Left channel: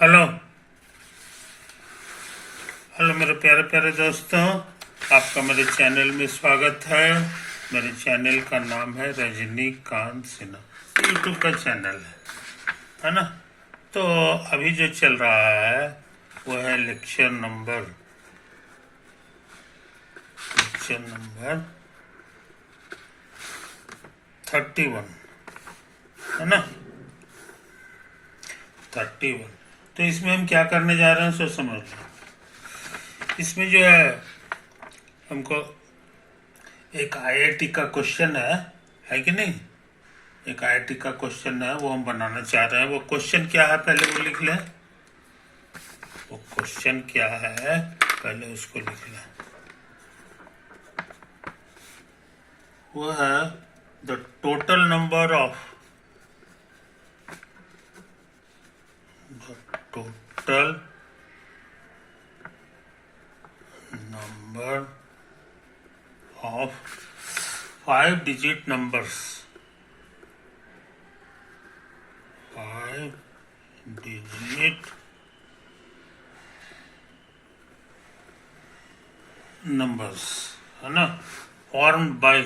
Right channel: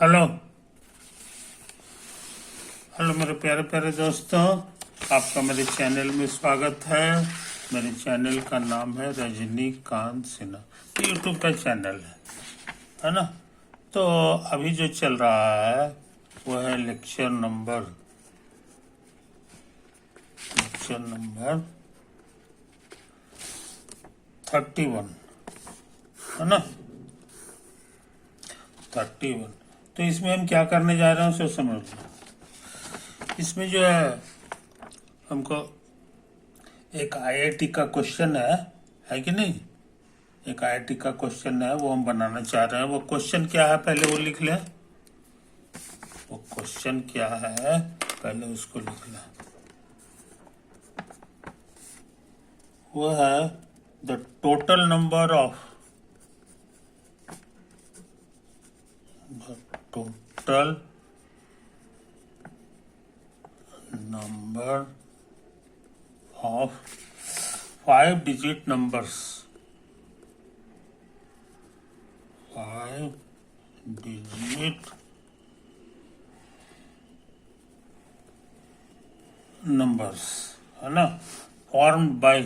Hello hello मेरे प्यारे प्यारे दोस्तों, आपका मेरे चैनल में स्वागत है। मेरे चैनल का नाम है रजनीकांत सिन्हा, यूट्यूब का चैनल है ना। तो अभी जो चल रहा है वो है लेक्चर नंबर 31, है ना। 31। तो इसमें हम क्या करने जा रहे हैं सो समझ लो। इसमें जो है हमको एक आईआईटी का क्वेश्चन है कि नहीं। एक आईआईटी का क्वेश्चन है, वो हम बनाना चाह रहे हैं। वो क्वेश्चन क्या है पहले वो लिख लें। वो क्वेश्चन क्या है पहले उसको लिख लें। वो है the total number of five digit numbers, 5 digit numbers, है ना, formed by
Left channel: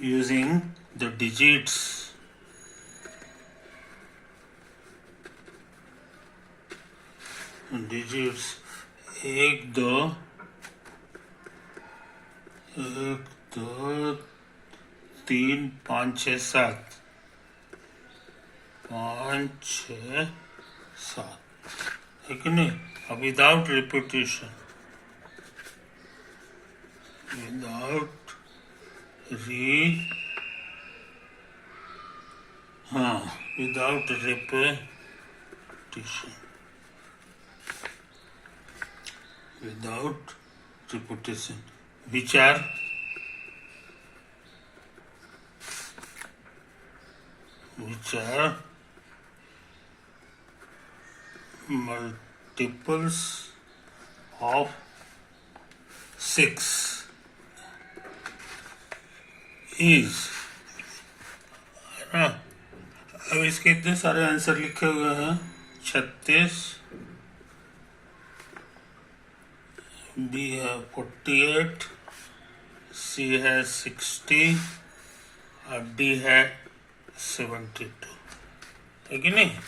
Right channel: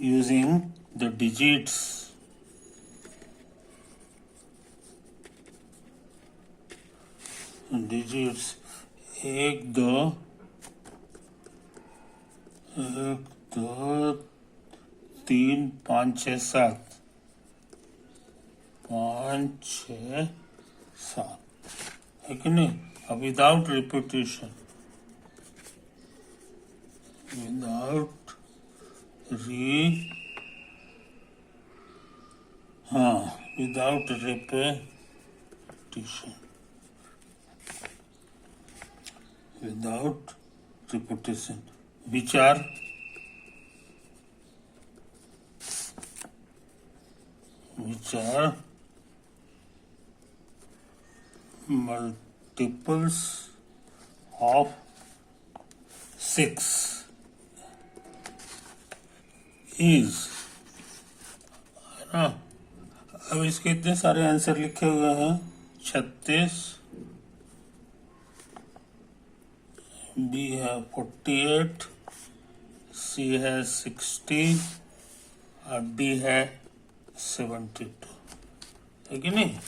using the digits 1 2 3 5 6 7 5 6 7, है कि नहीं। Without repetition, without repetition, which are multiples of 6 is, है ना। अब इसके इतने सारे आंसर लिखे हुए हैं। 36, बी है 48, सी है 60 और डी है 72, है कि नहीं।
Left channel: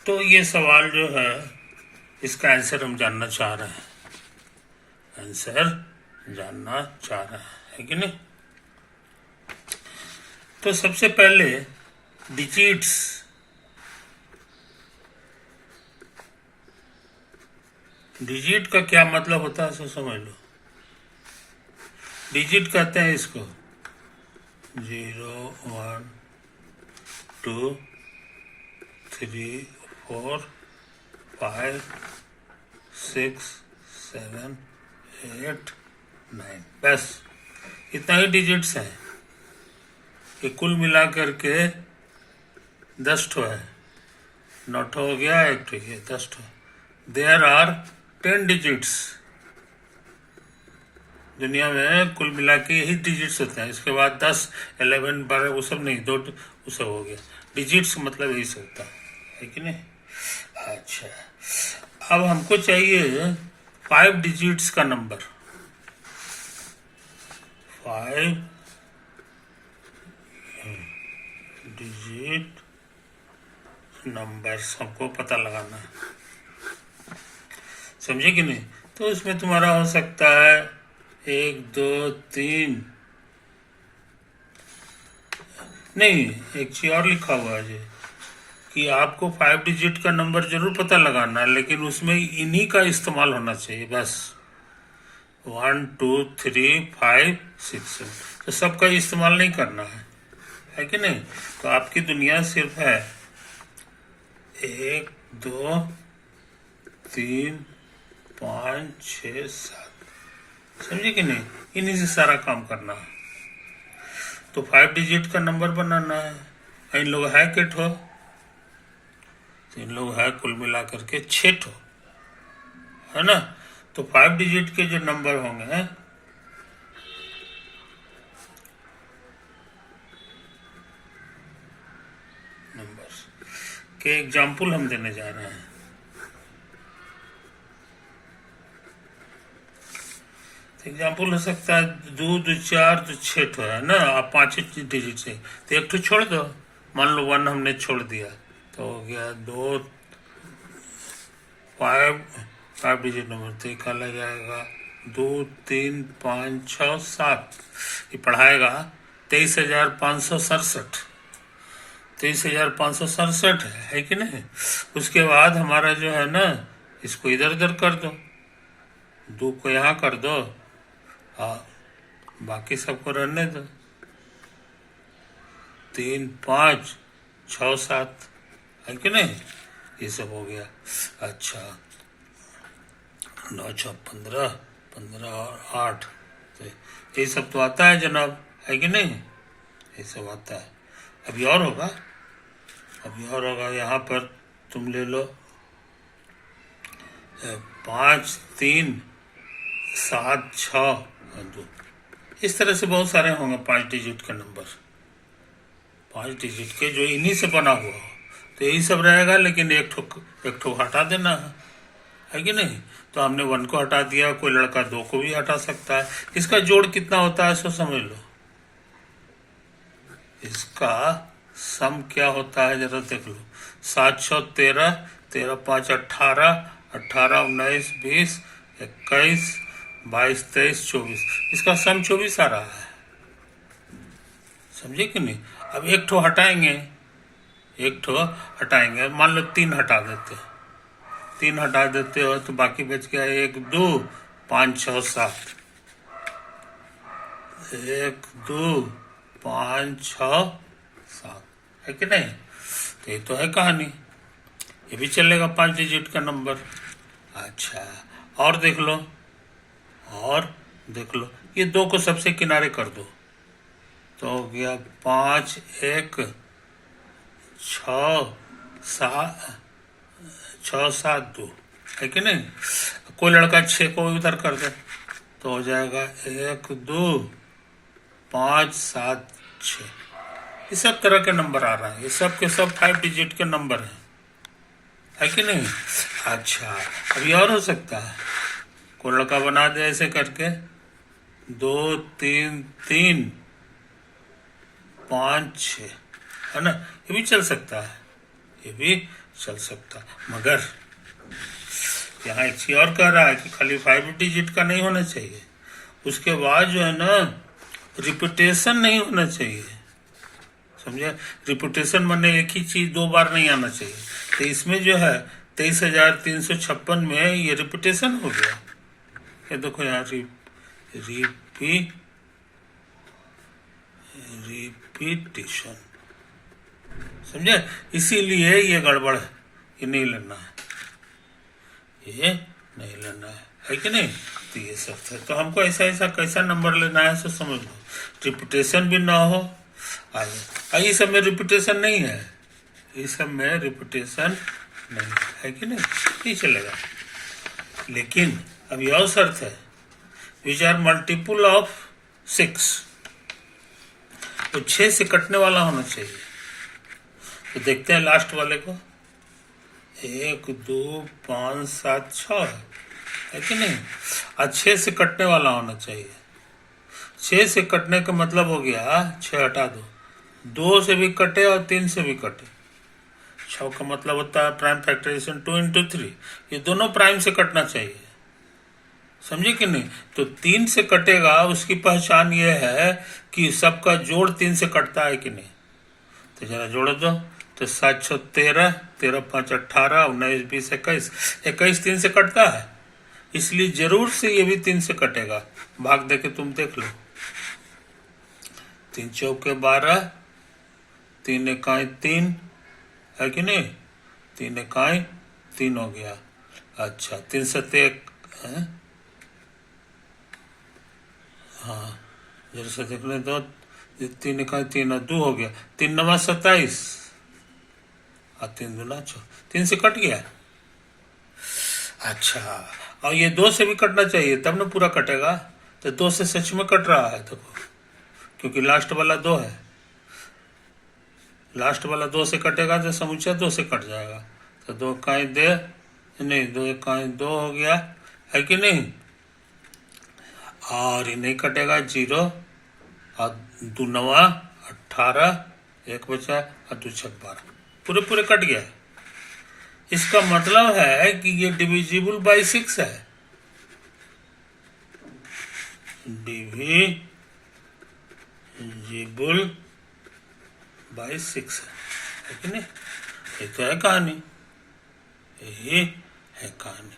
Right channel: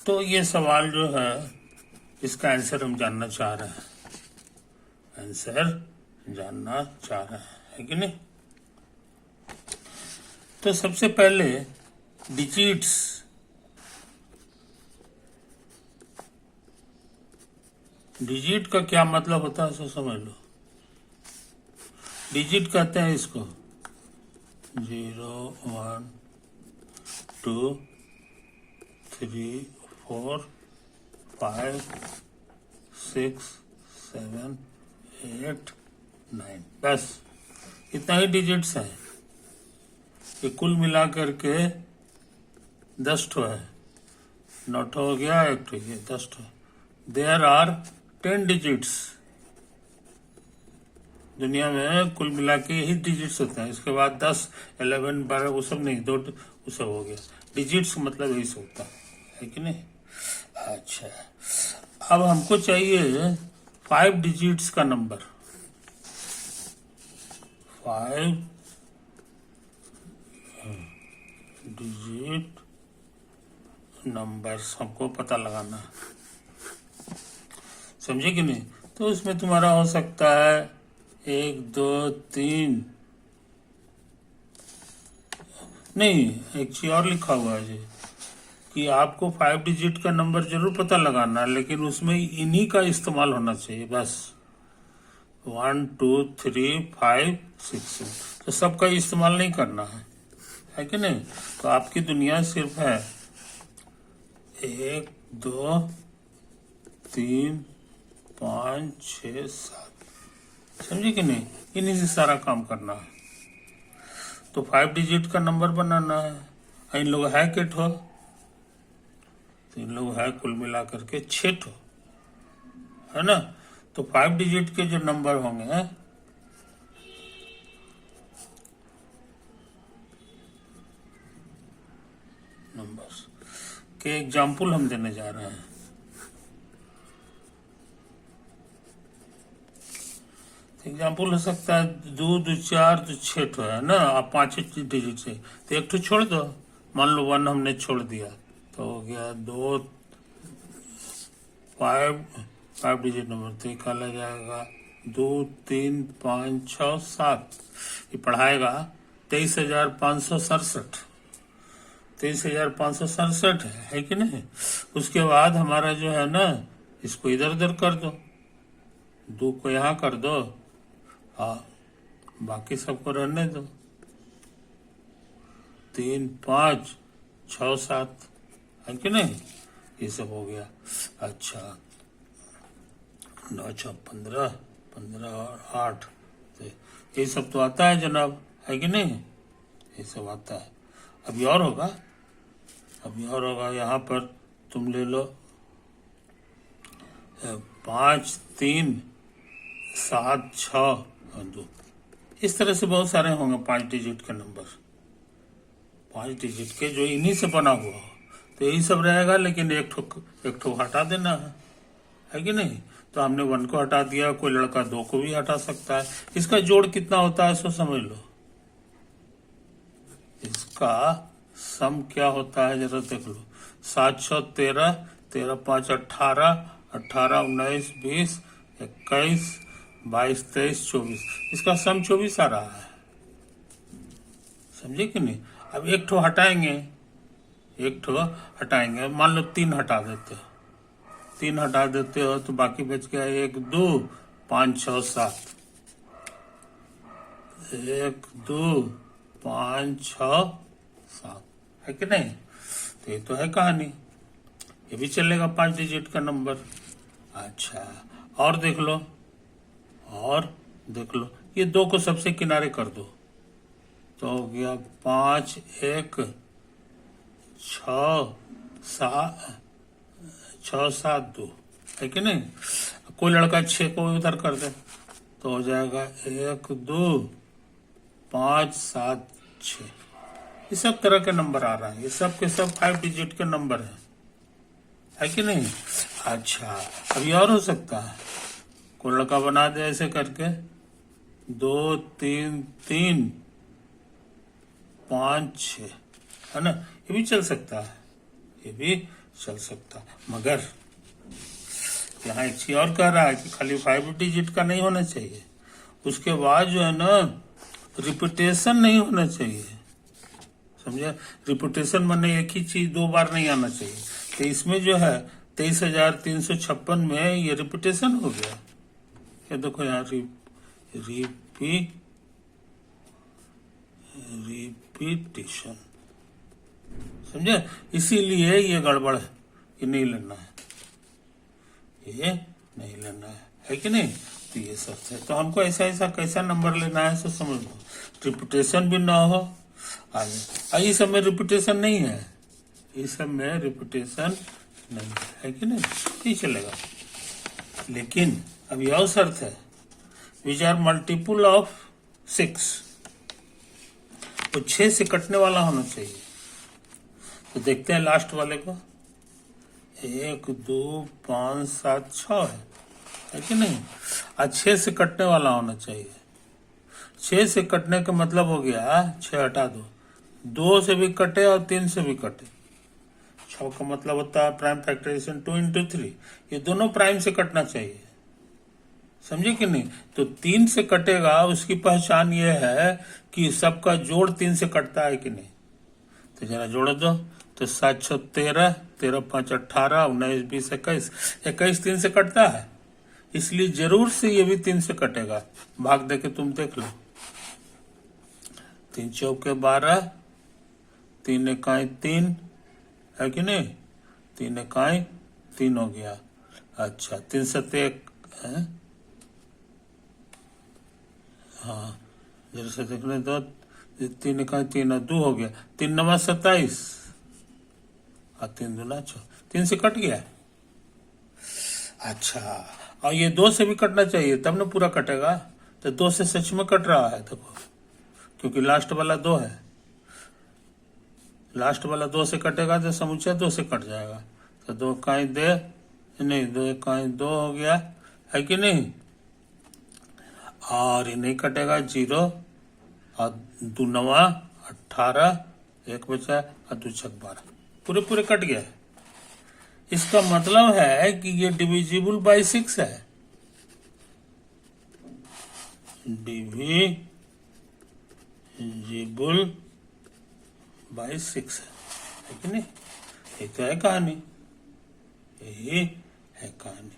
तो ये सवाल जो है इसका आंसर हम जानना चाह रहे हैं, है कि नहीं। तो सबसे पहले डिजिट्स, डिजिट का क्या मतलब होता है सो समझ लो। डिजिट कहते हैं इसको 0 1 2 3 4 5 6 7 8 9, बस इतना ही डिजिट्स है। ये कुल मिला करके 10 ठो है। 9 ठो हो गया, 1 ठो है, 10 ठो। There are 10 digits. दुनिया में कुल मिला के यही डिजिट्स होते हैं। इसके बाद 10 11 12 वो सब नहीं, 2 वो सब हो गया। डिजिट्स मतलब यही सब होता है कि नहीं। अच्छा, अब हमको चाहिए 5 डिजिट्स का नंबर। 5 डिजिट नंबर्स हमको पता लगाना है, समझे कि नहीं। तो इसमें तुम्हारा हो सकता है 1 2 3, नहीं, एक चीज और लिखा हुआ है जी कि आपको 5 डिजिट का नंबर जरूर पता लगाना है, लेकिन उसमें इन्हीं का इस्तेमाल होना चाहिए बस। 1 2 3 5 6 तो सबका इस्तेमाल नहीं करना है कि नहीं। तो आपकी दुनिया सिर्फ है 1 2 3 5 6 7, समझे कि नहीं। इन्हीं से सारा काम करना है। तो 5 डिजिट का नंबर बनाना है। इन लोग है के ठो, 3 लोग है, कुल मिला करके 6 ठो, है ना। तो 5 डिजिट के जो नंबर होंगे नंबर्स के एग्जाम्पल हम देने जा रहे हैं। एग्जाम्पल हो सकता है 2 2 4 2 6 ठो है ना, आप 5 डिजिट से तो एक ठो छोड़ दो, मान लो 1 हमने छोड़ दिया तो हो गया 2 5 डिजिट नंबर, तो क्या लग जाएगा 2 3 5 6 7, ये पढ़ाएगा 23,567, 23,567 है कि नहीं। उसके बाद हमारा जो है ना, इसको इधर उधर कर दो, 2 को यहाँ कर दो, हाँ बाकी सबको रहने दो, 3 5 6 7 है कि नहीं, ये सब हो गया। अच्छा 9 6 15 15 और 8, तो ये सब तो आता है जनाब, है कि नहीं, ये सब आता है। अभी और होगा, यहाँ पर तुम ले लो 5 3 7 6 और 2, इस तरह से बहुत सारे होंगे 5 डिजिट के नंबर, 5 डिजिट के जो इन्हीं से बना हुआ हो, तो यही सब रहेगा। लेकिन एक ठो हटा देना है कि नहीं। तो हमने 1 को हटा दिया, कोई लड़का 2 को भी हटा सकता है। इसका जोड़ कितना होता है सो समझ लो, इसका सम क्या होता है जरा देख लो, 7 6 13, 13 5 18, 18 19 20 21 22 23 24, इसका सम 24 आ रहा है, समझे कि नहीं। अब एक ठो हटाएंगे, मान लो 3 हटा देते हो तो बाकी बच गया 1 2 5 6 7, 1 2 5 6 7, है कि नहीं। तो ये तो है कहानी, ये भी चलेगा 5 डिजिट का नंबर। अच्छा और देख लो, ये 2 को सबसे किनारे कर दो, तो हो गया 5 1 6 7 2, है कि नहीं। कोई लड़का 6 को उधर कर दे तो हो जाएगा 1 2 5 7 6, इस सब तरह के नंबर आ रहा है, ये सब के सब 5 डिजिट के नंबर है कि नहीं। अच्छा अभी और हो सकता है, कोई लड़का बना दे ऐसे करके 2 3 3 5 6, है ना, ये भी चल सकता है, मगर यहाँ एक चीज और कह रहा है कि खाली 5 डिजिट का नहीं होना चाहिए, उसके बाद जो है ना रिपीटेशन नहीं होना चाहिए, समझे। रिपीटेशन माने एक ही चीज 2 बार नहीं आना चाहिए। तो इसमें जो है 23,356 में ये रिपीटेशन हो गया, ये देखो यहाँ रिपीटेशन, समझे। इसीलिए ये गड़बड़ है, ये नहीं लेना है कि नहीं। तो ये सब है, तो हमको ऐसा कैसा नंबर लेना है सो समझ लो, रिपीटेशन भी ना हो, ये सब में रिपीटेशन नहीं है, है कि नहीं, नहीं चलेगा। लेकिन अभी और शर्त है, विच आर मल्टीपल ऑफ 6, तो 6 से कटने वाला होना चाहिए। तो देखते हैं लास्ट वाले को, 1 2 5 7 6 है कि नहीं। आज 6 से कटने वाला होना चाहिए, 6 से कटने का मतलब हो गया 6 हटा दो, 2 से भी कटे और 3 से भी कटे। 6 का मतलब होता है प्राइम फैक्टराइजेशन 2 into 3, ये दोनों प्राइम से कटना चाहिए, समझे कि नहीं। तो 3 से कटेगा, उसकी पहचान ये है कि सबका जोड़ 3 से कटता है कि नहीं। तो जरा जोड़ दो, तो 7 6 13, 13 5 18, 19 20 21, 21 3 से कटता है, इसलिए जरूर से ये भी 3 से कटेगा। भाग दे के तुम देख लो, 3 चौके 12, 3 इकाई 3, है कि नहीं, 3 इकाई 3 हो गया। अच्छा 3 सत्ते 1, हाँ जरा से देखने दो, 3 इकाई 3 और 2 हो गया, 3 9 27 और 3 दूना 6, 3 से कट गया। अच्छा और ये 2 से भी कटना चाहिए तब ना पूरा कटेगा। तो 2 से सच में कट रहा है देखो, क्योंकि लास्ट वाला 2 है। लास्ट वाला 2 से कटेगा तो समुच्चय 2 से कट जाएगा। तो 2 काई दे नहीं, 2 काई 2 हो गया, है कि नहीं। और ये नहीं कटेगा 0 और 2 9 18, 1 बचा और 2 6 12, पूरे पूरे कट गया। इसका मतलब है कि ये डिविजिबल बाई 6 है, डिविजिबल बाई 6 है कि नहीं। ये तो है कहानी, यही है कहानी।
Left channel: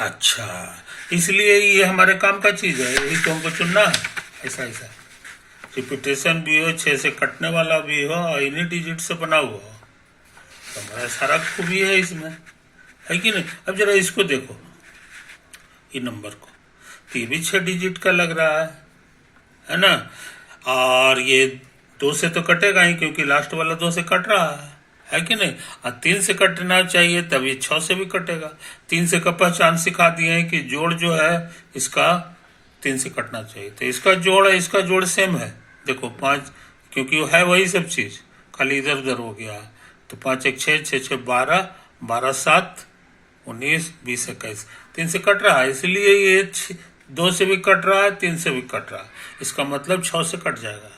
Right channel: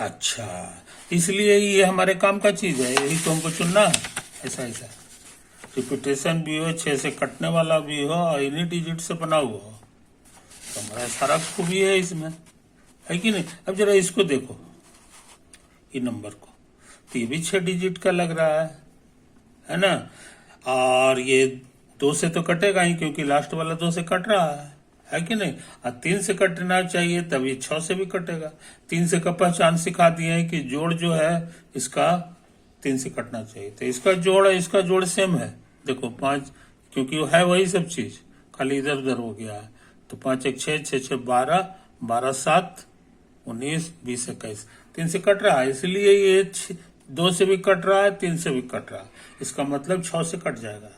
अच्छा, इसलिए ये हमारे काम का चीज है, यही तो हमको चुनना है। ऐसा रिपीटेशन भी हो, 6 से कटने वाला भी हो और इन्हीं डिजिट से बना हुआ हो, तो हमारा सारा खूबी है इसमें, है कि नहीं। अब जरा इसको देखो, ये नंबर को, तो ये भी 6 डिजिट का लग रहा है ना। और ये 2 से तो कटेगा ही, क्योंकि लास्ट वाला 2 से कट रहा है कि नहीं। और 3 से कटना चाहिए, तब ये 6 से भी कटेगा। 3 से का पहचान सिखा दिए हैं कि जोड़ जो है इसका 3 से कटना चाहिए। तो इसका जोड़ है, इसका जोड़ सेम है, देखो 5, क्योंकि वो है वही सब चीज, खाली इधर उधर हो गया। तो 5 1 6, 6 6 12, 12 7 19 20 21, 3 से कट रहा है, इसलिए ये 2 से भी कट रहा है, 3 से भी कट रहा है। इसका मतलब 6 से कट जाएगा।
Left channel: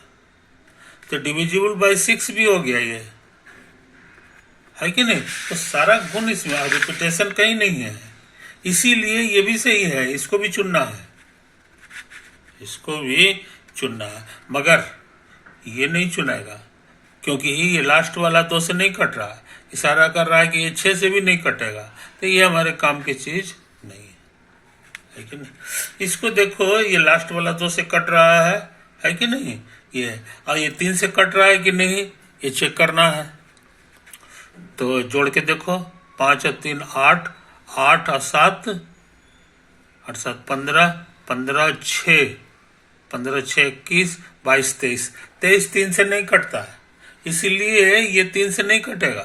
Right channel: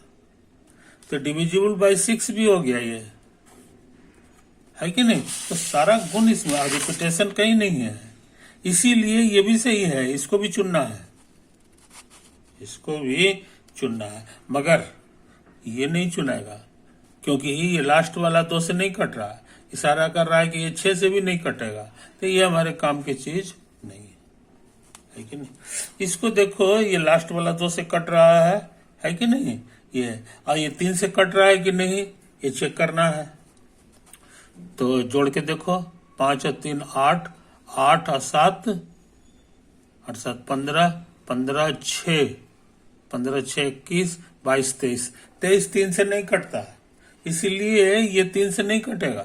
तो डिविजिबल बाई 6 भी हो गया ये, है कि नहीं। तो सारा गुण इसमें, रिपीटेशन कहीं नहीं है, इसीलिए ये भी सही है। इसको भी चुनना है, इसको भी चुनना है, मगर ये नहीं चुनेगा, क्योंकि ये लास्ट वाला 2 से नहीं कट रहा है, इशारा कर रहा है कि ये 6 से भी नहीं कटेगा। तो ये हमारे काम की चीज नहीं है कि नहीं। इसको देखो, ये लास्ट वाला 2 से कट रहा है कि नहीं ये, और ये 3 से कट रहा है कि नहीं, ये चेक करना है। तो जोड़ के देखो, 5 और 3 8, 8 और 7 8 7 15, 15 6, 15 6 21, 22 23, 23 3 से नहीं कटता है, इसीलिए ये 3 से नहीं कटेगा।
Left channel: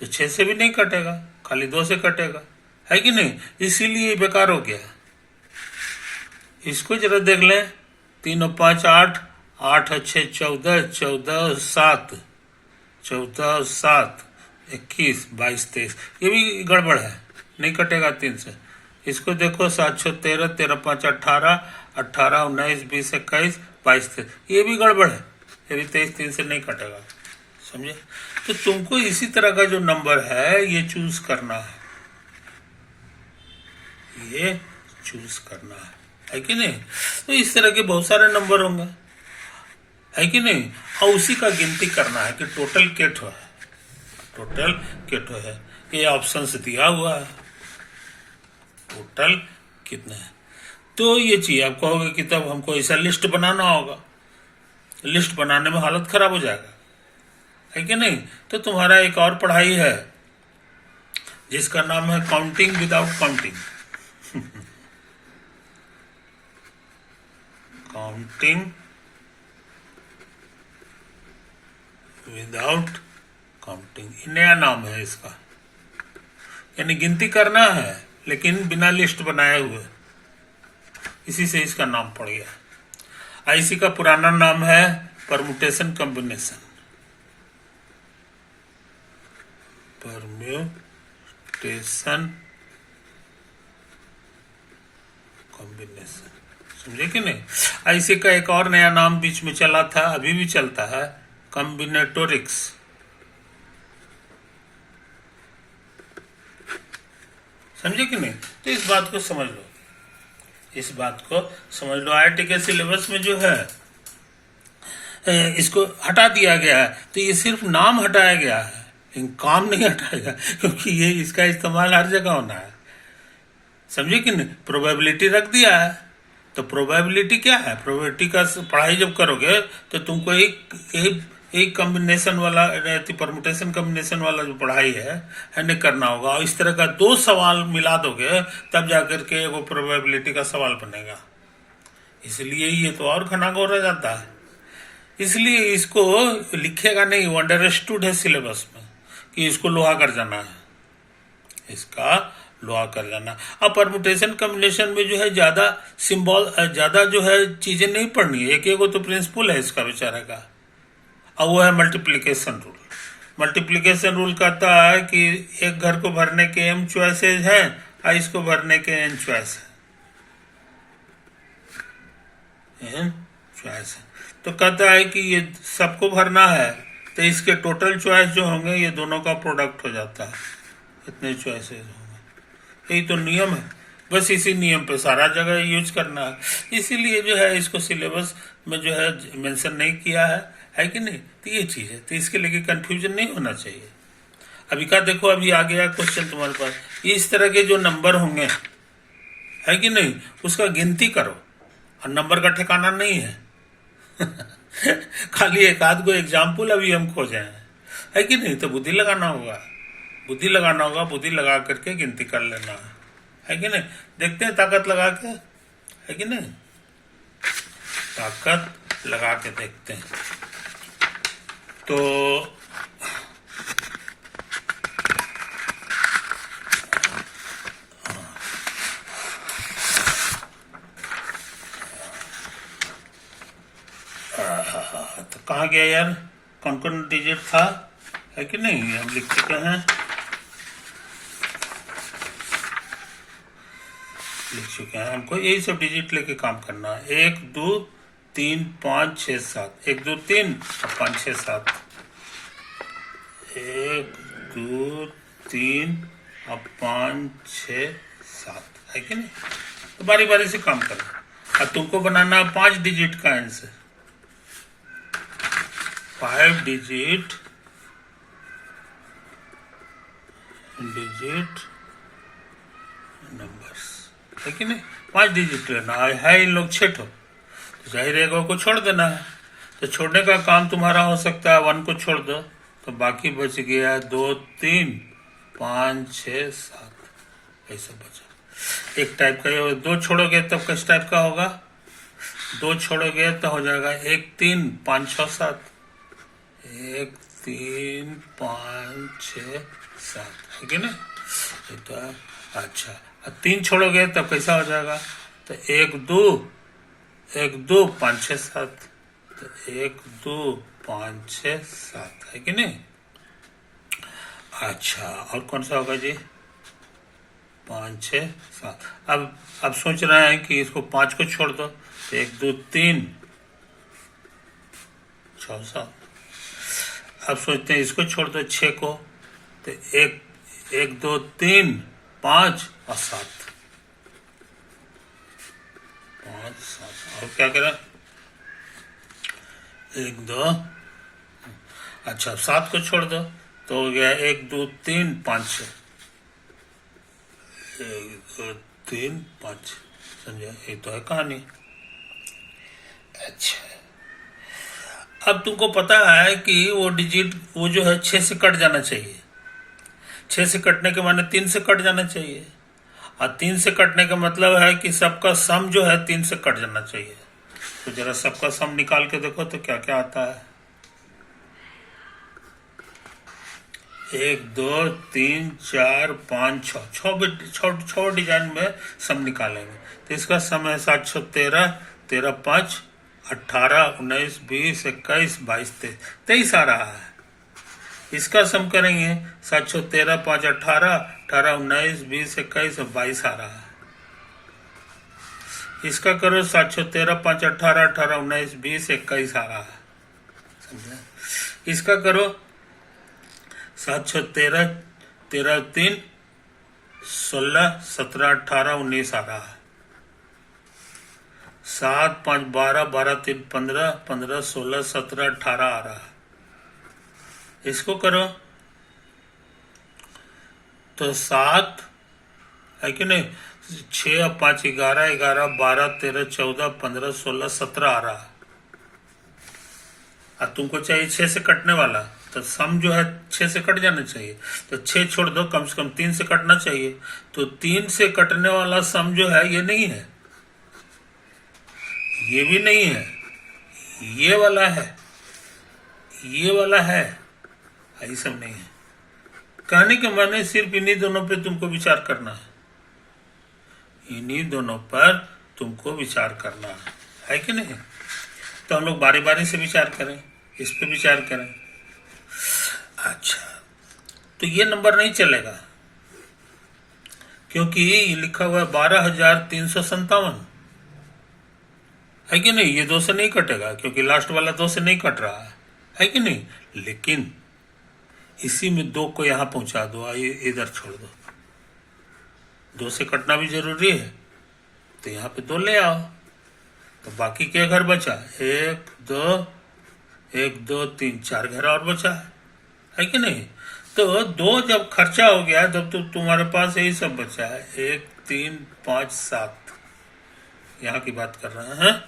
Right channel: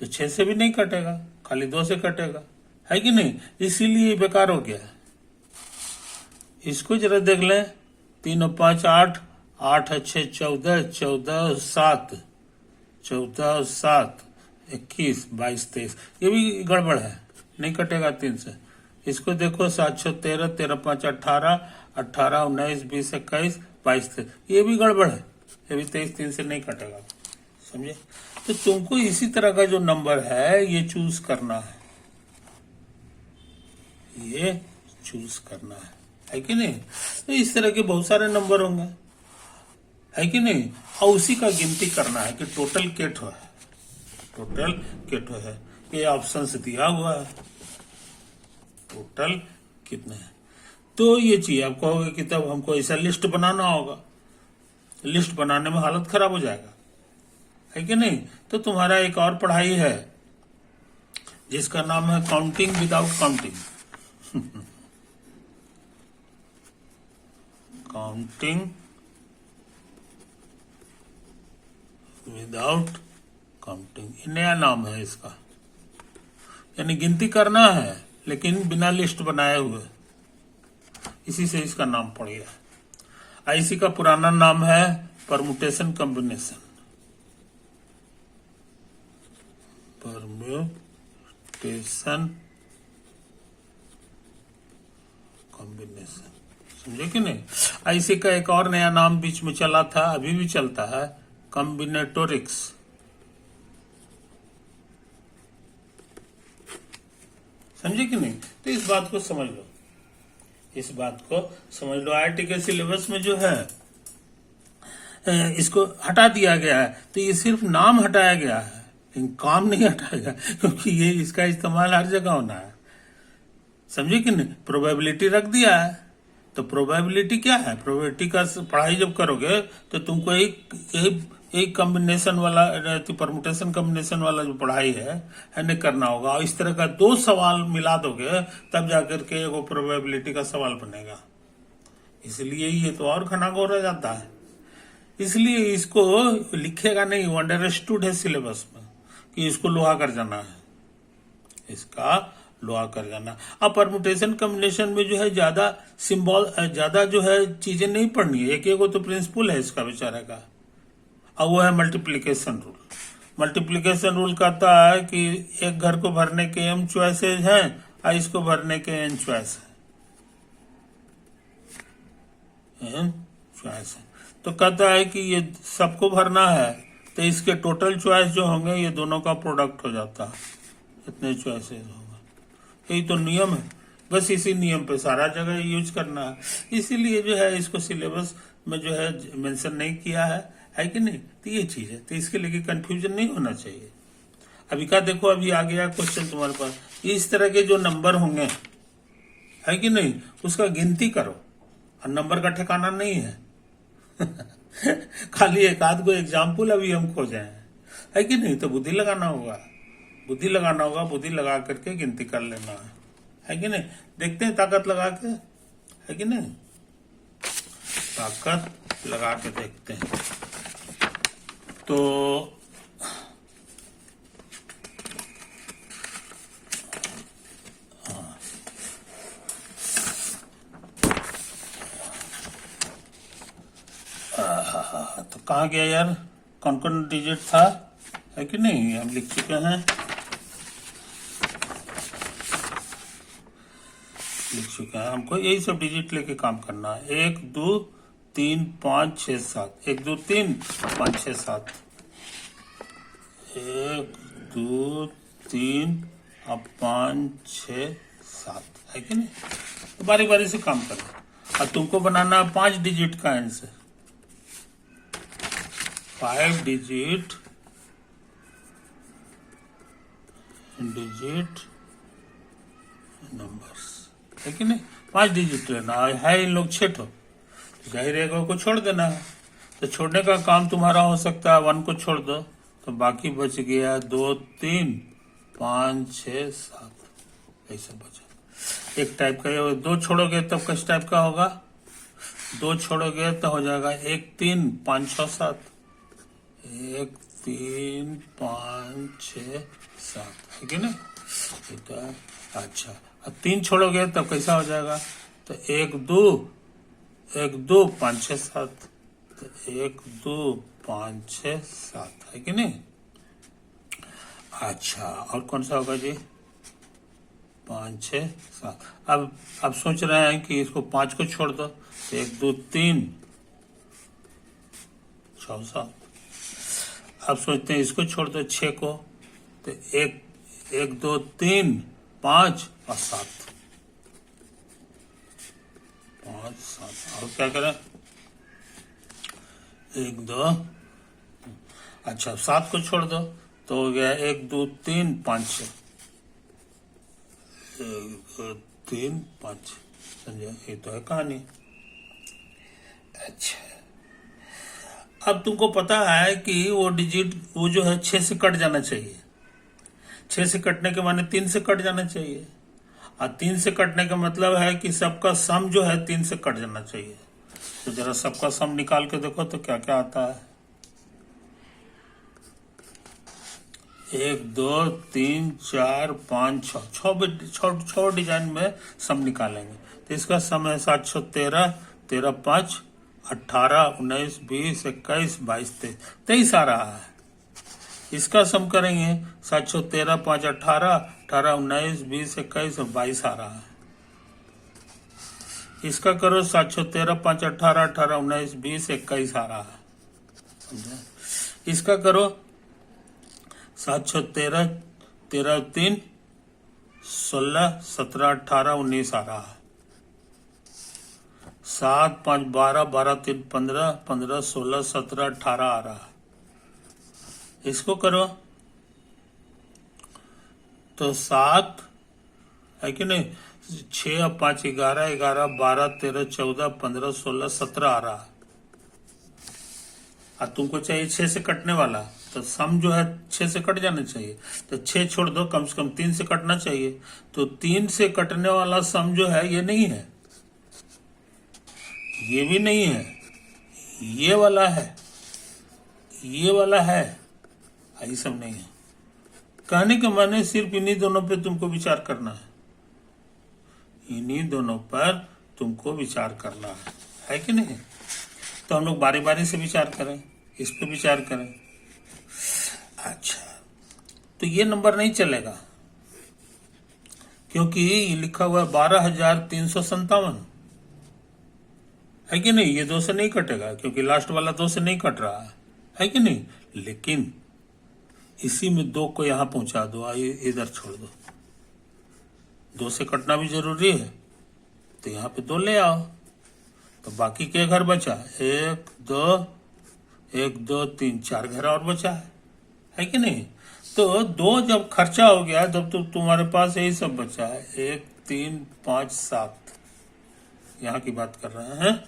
तो 6 से भी नहीं कटेगा, खाली 2 से कटेगा, है कि नहीं। इसीलिए बेकार हो गया। इसको जरा देख लें, 3 और 5 8, 8 और 6 14, 14 और 7, 14 और 7 21, 22 23, ये भी गड़बड़ है, नहीं कटेगा 3 से। इसको देखो, 7 6 13, 13 5 18, 18 19 20 21, 22 23, ये भी गड़बड़ है, ये भी 23 3 से नहीं कटेगा, समझे। तो तुमको इसी तरह का जो नंबर है ये चूज करना है, ये चूज करना है कि नहीं। तो इस तरह के बहुत सारे नंबर होंगे, है कि नहीं, और उसी का गिनती करना है कि टोटल केठो है, टोटल केठो है। ये ऑप्शन से दिया हुआ है, टोटल कितना है। तो ये चीज आप कहोगे कि तब हमको ऐसा लिस्ट बनाना होगा, लिस्ट बनाने में हालत खराब हो जाएगा, है कि नहीं। तो तुम्हारा एक और पढ़ाई है जिसका नाम है counting without counting. Counting without counting, नया नाम है इसका, यानी गिनती करना है लेकिन बिना लिस्ट बनाए हुए, इसी से इसका नाम पड़ गया। इसी का पुराना नाम है परमुटेशन कॉम्बिनेशन, परम्यूटेशन कॉम्बिनेशन, समझे कि नहीं। इसी का एक और नया नाम बीच में चला था, अभी भी चलता है, कॉम्बिनेटोरिक्स। समझे कि नहीं। तो इस बात को समझ लो, इस बात को समझ लो। IIT के सिलेबस में जो है इसको हटा दिया गया है, तो ये सिर्फ नाम हटाया गया है, लेकिन काम नहीं हटाया, क्योंकि ये इसका इस्तेमाल हर जगह होना है, समझे कि नहीं। प्रोबेबिलिटी रख दिया है, तो प्रोबेबिलिटी क्या है, प्रोबेबिलिटी का पढ़ाई जब करोगे तो तुमको एक कॉम्बिनेशन वाला, परमुटेशन कॉम्बिनेशन वाला जो पढ़ाई है नहीं करना होगा, और इस तरह का 2 सवाल मिला दोगे तब जाकर के वो प्रोबेबिलिटी का सवाल बनेगा। इसलिए ये तो और घनाघोर रह जाता है, इसलिए इसको लिखेगा नहीं, वो अंडरस्टूड है सिलेबस में कि इसको लोहा कर जाना है, इसका लोहा कर लेना। अब परमुटेशन कम्बिनेशन में जो है ज्यादा सिंबल, ज्यादा जो है चीजें नहीं पढ़नी है, एक एक तो प्रिंसिपल है इसका बेचारा का। अब वो है मल्टीप्लिकेशन रूल। मल्टीप्लिकेशन रूल कहता है कि एक घर को भरने के m चॉइसेस हैं और इसको भरने के n चॉइस है, चॉइस है। तो कहता है कि ये सबको भरना है तो इसके टोटल चॉइस जो होंगे ये दोनों का प्रोडक्ट हो जाता है, इतने चॉइसेस होंगे। यही तो नियम है, बस इसी नियम पे सारा जगह यूज करना है। इसीलिए जो है इसको सिलेबस में जो है मेंशन नहीं किया है कि नहीं। तो ये चीज है, तो इसके लिए कंफ्यूजन नहीं होना चाहिए। अभी का देखो, अभी आ गया क्वेश्चन तुम्हारे पास, इस तरह के जो नंबर होंगे है कि नहीं, उसका गिनती करो और नंबर का ठिकाना नहीं है। खाली एक आध को एग्जाम्पल अभी हम खोजे है कि नहीं। तो बुद्धि लगाना होगा, बुद्धि लगाना होगा, बुद्धि लगा करके गिनती कर लेना है कि नहीं। देखते हैं ताकत लगा के, है कि नहीं, ताकत लगा के देखते हैं। तो तो कहाँ गया यार, कौन कौन डिजिट था, है कि नहीं, हम लिख चुके हैं, लिख चुके हैं। हमको यही सब डिजिट लेके काम करना है। 1 2 3 5 6 7, 1 2 3 5 6 7, 1 2 3 और 5 6 7, है कि नहीं। तो बारी बारी से काम करना। अब तुमको बनाना है 5 डिजिट का आंसर, 5 डिजिट नंबर्स, है कि नहीं। 5 डिजिट लेना है, इन लोग 6 ठो, तो जाहिर है को छोड़ देना है। तो छोड़ने का काम तुम्हारा हो सकता है 1 को छोड़ दो, तो बाकी बच गया 2 3 5 6 7, ऐसा बचा। एक टाइप का, 2 छोड़ोगे तब किस टाइप का होगा, 2 छोड़ोगे तो हो जाएगा 1 3 5 6 7, 1 3 5 6 7, है कि नहीं। तो अच्छा, अब 3 छोड़ोगे तब कैसा हो जाएगा, तो 1 2 5 6 7, तो 1 2 5 6 7, है कि नहीं। अच्छा, और कौन सा होगा जी, 5 6 7। अब सोच रहे हैं कि इसको 5 को छोड़ दो, तो 1 2 3 6 7। अब सोचते हैं इसको छोड़ दो 6 को, तो 1 2 3 5 और 7, 5 7। और क्या करें, 1 2, अच्छा 7 को छोड़ दो तो हो गया 1 2 3 5 6, 1 2 3 5, समझा, ये तो है कहानी। अच्छा, अब तुमको पता है कि वो डिजिट वो जो है 6 से कट जाना चाहिए। 6 से कटने के माने 3 से कट जाना चाहिए, और 3 से कटने का मतलब है कि सबका सम जो है 3 से कट जाना चाहिए। तो जरा सबका सम निकाल के देखो तो क्या क्या आता है। 1 2 3 4 5 6, 6 डिजाइन में सम निकालेंगे। तो इसका सम है 7 6 13, 13 5 18 19 20 21 22 23 आ रहा है। इसका सम करेंगे 7 6 13 5 18, 18 19 20 21 और 22 आ रहा है। इसका करो 7 6 13 5 18, 18 19 20 21 आ रहा है, समझे। इसका करो 7 6 13, 13 3 16 17 18 19 आ रहा है। 7 5 12, 12 3 15, 15 16 17 18 आ रहा है। इसको करो तो 7, है कि नहीं, 6 और 5 11, 11 12 13 14 15 16 17 आ रहा है। अब तुमको चाहिए 6 से कटने वाला, तो सम जो है 6 से कट जाना चाहिए। तो 6 छोड़ दो, कम से कम 3 से कटना चाहिए। तो 3 से कटने वाला सम जो है ये नहीं है, ये भी नहीं है, ये वाला है, ये वाला है, ये सब नहीं है। कहने के माने सिर्फ इन्हीं दोनों पे तुमको विचार करना है, इन्हीं दोनों पर तुमको विचार करना है कि नहीं? तो हम लोग बारी बारी से विचार करें, इस पे विचार करें। अच्छा, तो ये नंबर नहीं चलेगा क्योंकि ये लिखा हुआ है 12,357, है कि नहीं? ये 2 से नहीं कटेगा क्योंकि लास्ट वाला 2 से नहीं कट रहा है कि नहीं? लेकिन इसी में 2 को यहां पहुंचा दो, इधर छोड़ दो, 2 से कटना भी जरूरी है, तो यहाँ पे 2 ले आओ, तो बाकी के घर बचा 1 2 1 2 3 4 घर और बचा है कि नहीं? तो 2 जब खर्चा हो गया तब तो तुम्हारे पास यही सब बचा है, 1 3 5 7, यहाँ की बात कर रहे हैं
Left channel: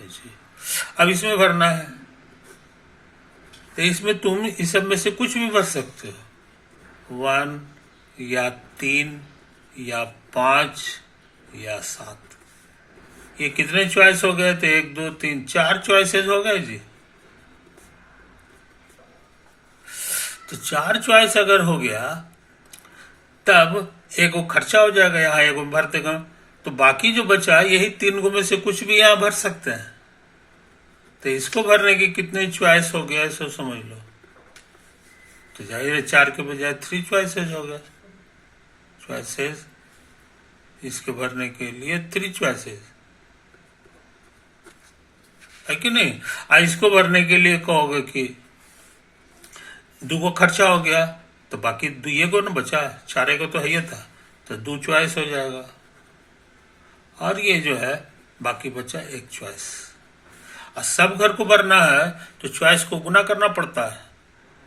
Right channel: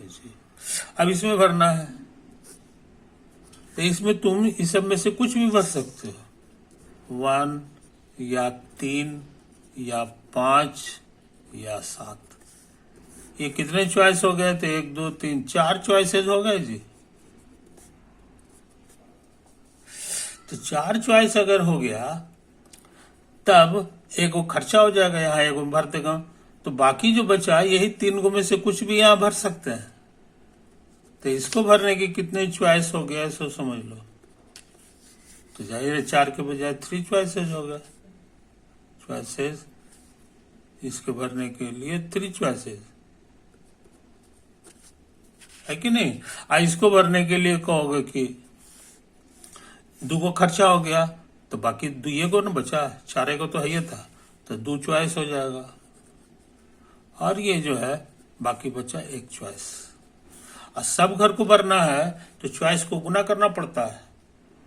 जी। अब इसमें भरना है, तो इसमें तुम इस सब में से कुछ भी भर सकते हो, 1 या 3 या 5 या 7। ये कितने चॉइस हो गए थे? 1 2 3 4 चॉइसेस हो गए जी। तो 4 चॉइस अगर हो गया तब एक वो खर्चा हो जाएगा, यहाँ एक भर देगा, तो बाकी जो बचा यही 3 गो में से कुछ भी यहाँ भर सकते हैं। तो इसको भरने की कितने चॉइस हो गया इसको समझ लो। तो जाहिर है 4 के बजाय 3 चॉइसेस हो गए, चॉइसेस इसके भरने के लिए 3 चॉइसेस, है कि नहीं? इसको भरने के लिए कहोगे कि 2 को खर्चा हो गया तो बाकी 2 को ना बचा, 4 को तो है ही था, तो 2 चॉइस हो जाएगा, और ये जो है बाकी बचा 1 चॉइस। और सब घर को भरना है तो चॉइस को गुना करना पड़ता है,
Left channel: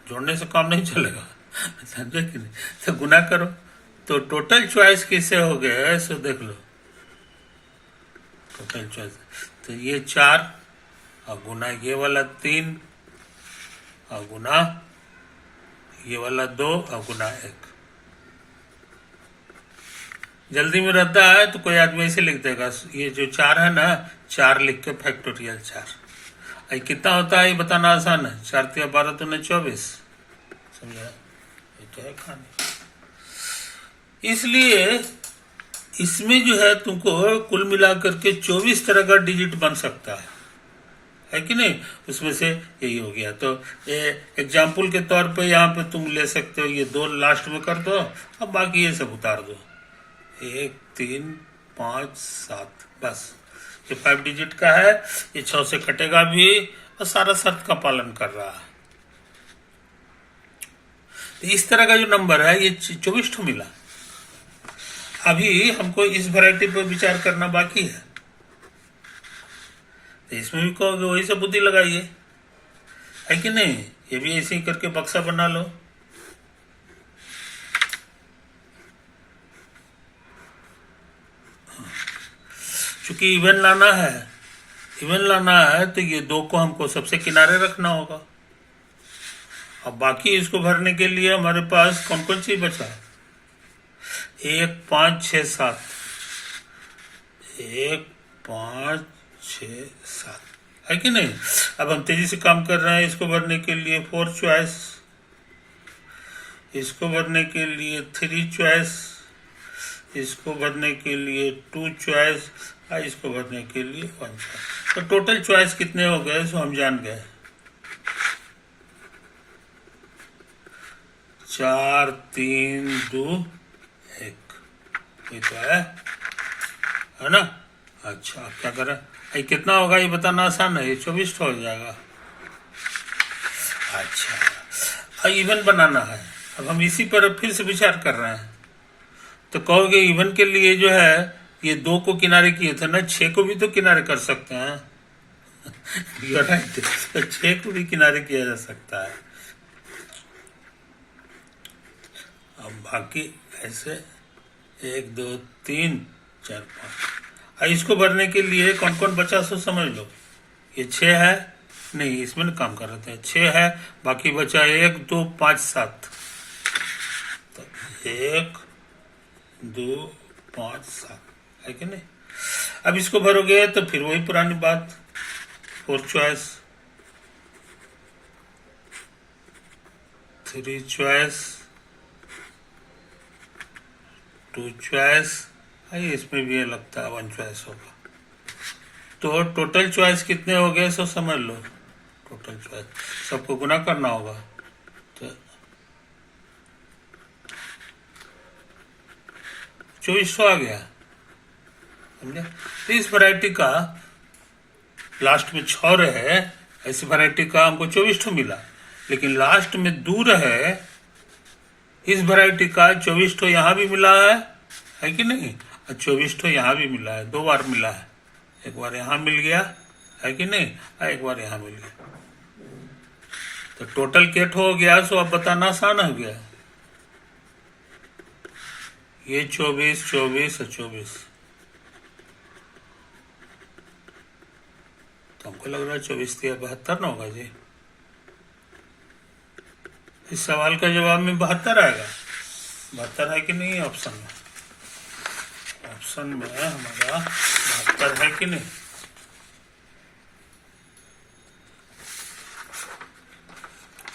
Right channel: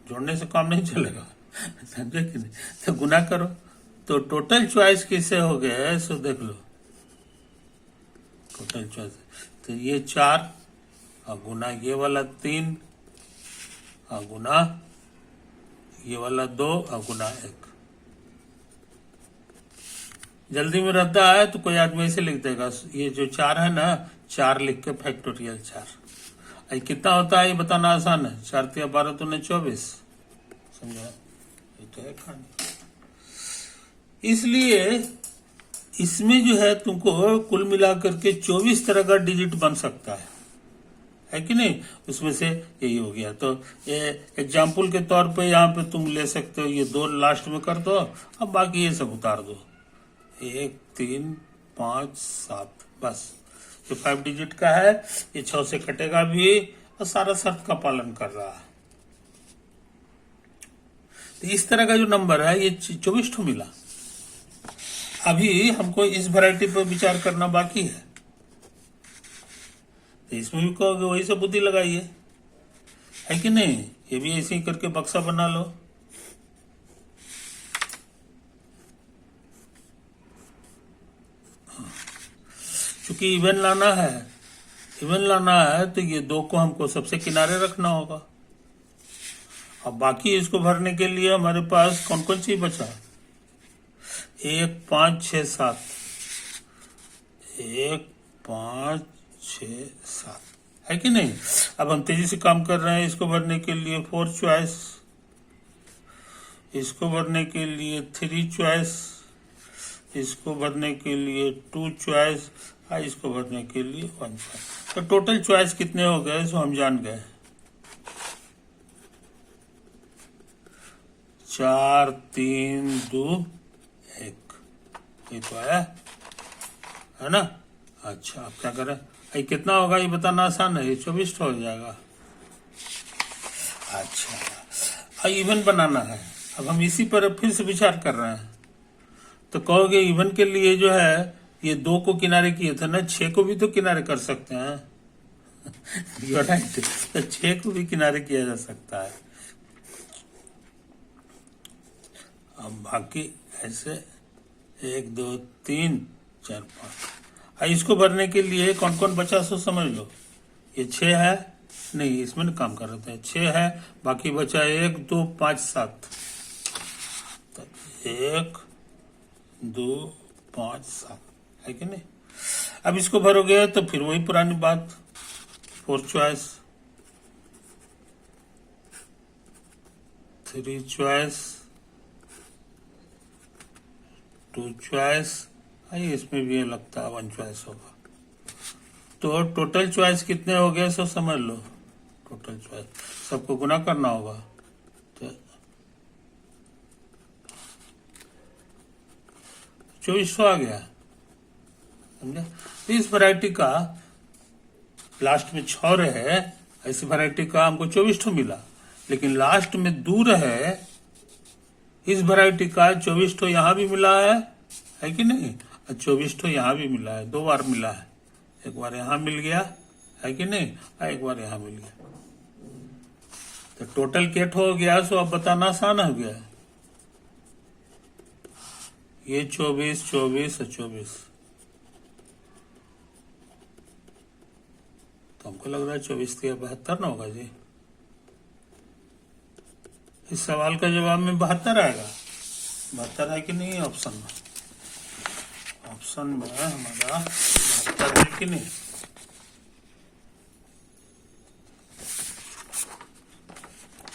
जोड़ने से काम नहीं चलेगा, समझे कि नहीं? तो गुना करो, तो टोटल चॉइस किससे हो गए सो देख लो, टोटल चॉइस, तो ये 4 और गुना ये वाला 3 और गुना ये वाला 2 और गुना 1। जल्दी में रहता है तो कोई आदमी ऐसे लिख देगा, ये जो 4 है ना, 4 लिख के फैक्टोरियल 4। कितना होता है ये बताना आसान है, 4 तिया 12 तो 24, समझा? ये तो है खाने। इसलिए इसमें जो है तुमको कुल मिलाकर के 24 तरह का डिजिट बन सकता है कि नहीं? उसमें से यही हो गया। तो ये एग्जाम्पल के तौर पे यहाँ पे तुम ले सकते हो, ये 2 लास्ट में कर दो, अब बाकी ये सब उतार दो, 1 3 5 7, बस ये 5 डिजिट का है, ये 6 से कटेगा भी और सारा शर्त का पालन कर रहा है। तो इस तरह का जो नंबर है ये 24 ठो मिला। अभी हमको इस वैरायटी पर विचार करना बाकी है, तो इसमें भी कहोगे वही सब बुद्धि लगाइए, है कि नहीं? ये भी ऐसे ही करके बक्सा बना लो। चूंकि इवन लाना है तो ये 2 को हमको सबसे किनारे रखना होगा। अब बाकी इसको भरने के लिए हमारे पास कौन कौन चीज बचा? 1 5 6 7, 1 5 6 7, है कि नहीं? अब हम तेजी से काम कर रहे हैं। इसको भरने के लिए 4 चॉइस, इसको भरने के लिए 3 चॉइस, इसको भरने के लिए 2 चॉइस, इसको भरने के लिए 1 चॉइस। तो टोटल चॉइस कितने हो गए सो हम जान गए, 4 3 2 1, ये तो है ना? अच्छा, अब क्या करें? ये कितना होगा ये बताना आसान है, ये 24 हो जाएगा। अच्छा, अब इवन बनाना है। अब हम इसी पर फिर से विचार कर रहे हैं, तो कहोगे इवन के लिए जो है ये 2 को किनारे किए थे ना, 6 को भी तो किनारे कर सकते हैं। तो 6 को भी किनारे किया जा सकता है। अब बाकी ऐसे 1 2 3 4 5, इसको भरने के लिए कौन कौन बचा सो समझ लो। ये 6 है, नहीं इसमें न काम कर रहे थे, 6 है, बाकी बचा 1 2 5 7, तो 1 2 5 7, है कि नहीं? अब इसको भरोगे तो फिर वही पुरानी बात, 4 चॉइस, 3 चॉइस, 2 चॉइस, इसमें भी ये लगता है 1 चॉइस होगा। तो टोटल चॉइस कितने हो गए सो समझ लो। टोटल चॉइस सबको गुना करना होगा, तो 2400 आ गया, समझे। तो इस वैरायटी का लास्ट में 6 रहे, ऐसी वैरायटी का हमको 2400 मिला। लेकिन लास्ट में 2 रहे, इस वैरायटी का 2400 यहाँ भी मिला है कि नहीं, और 2400 यहाँ भी मिला है, 2 बार मिला है। एक बार यहाँ मिल गया है कि नहीं, एक बार यहाँ मिल गया। तो टोटल केट हो गया। सो अब बताना आसान हो गया। ये 24, 24 और 24, तो हमको लग रहा है 24 3 72 ना होगा जी। इस सवाल का जवाब में 72 आएगा। 72 है कि नहीं ऑप्शन में? ऑप्शन में हमारा 72 है कि नहीं?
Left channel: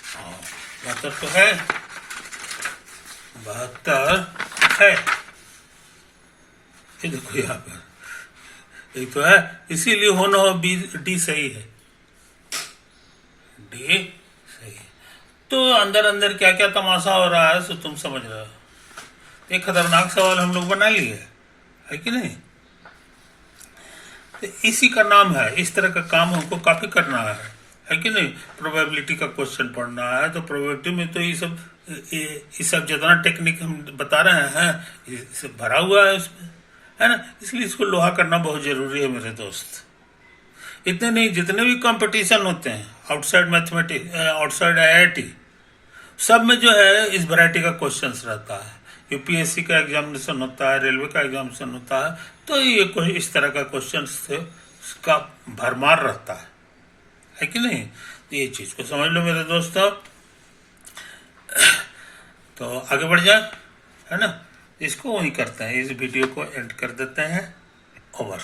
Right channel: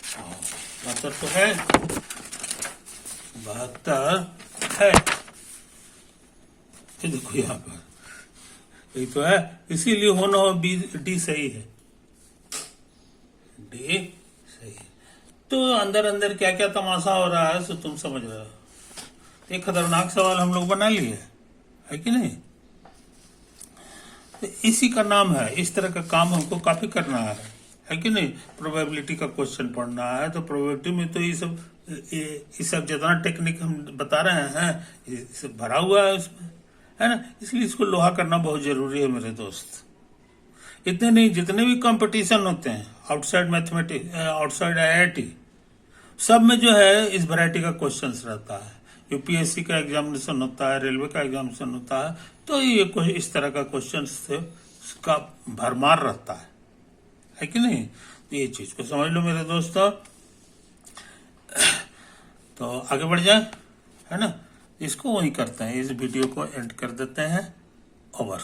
हाँ, 72 तो है, 72 है। ये देखो यहाँ पर एक तो है, इसीलिए होना हो डी सही है, डी सही है। तो अंदर अंदर क्या क्या तमाशा हो रहा है सो तुम समझ रहे हो। एक खतरनाक सवाल हम लोग बना लिए है कि नहीं। तो इसी का नाम है, इस तरह का काम हमको काफी करना है कि नहीं। प्रोबेबिलिटी का क्वेश्चन पढ़ना है, तो प्रोबेबिलिटी में तो ये सब जितना टेक्निक हम बता रहे हैं ये सब भरा हुआ है उसमें, है ना। इसलिए इसको लोहा करना बहुत जरूरी है मेरे दोस्त। इतने नहीं, जितने भी कंपटीशन होते हैं आउटसाइड मैथमेटिक्स, आउटसाइड IIT, सब में जो है इस वैरायटी का क्वेश्चंस रहता है। यूपीएससी का एग्जामिनेशन होता है, रेलवे का एग्जामिनेशन होता है, तो ये इस तरह का क्वेश्चन से का भरमार रहता है कि नहीं। तो ये चीज को समझ लो मेरे दोस्तों। तो आगे बढ़ जाए, है ना। इसको वही करते हैं, इस वीडियो को एंड कर देते हैं। ओवर।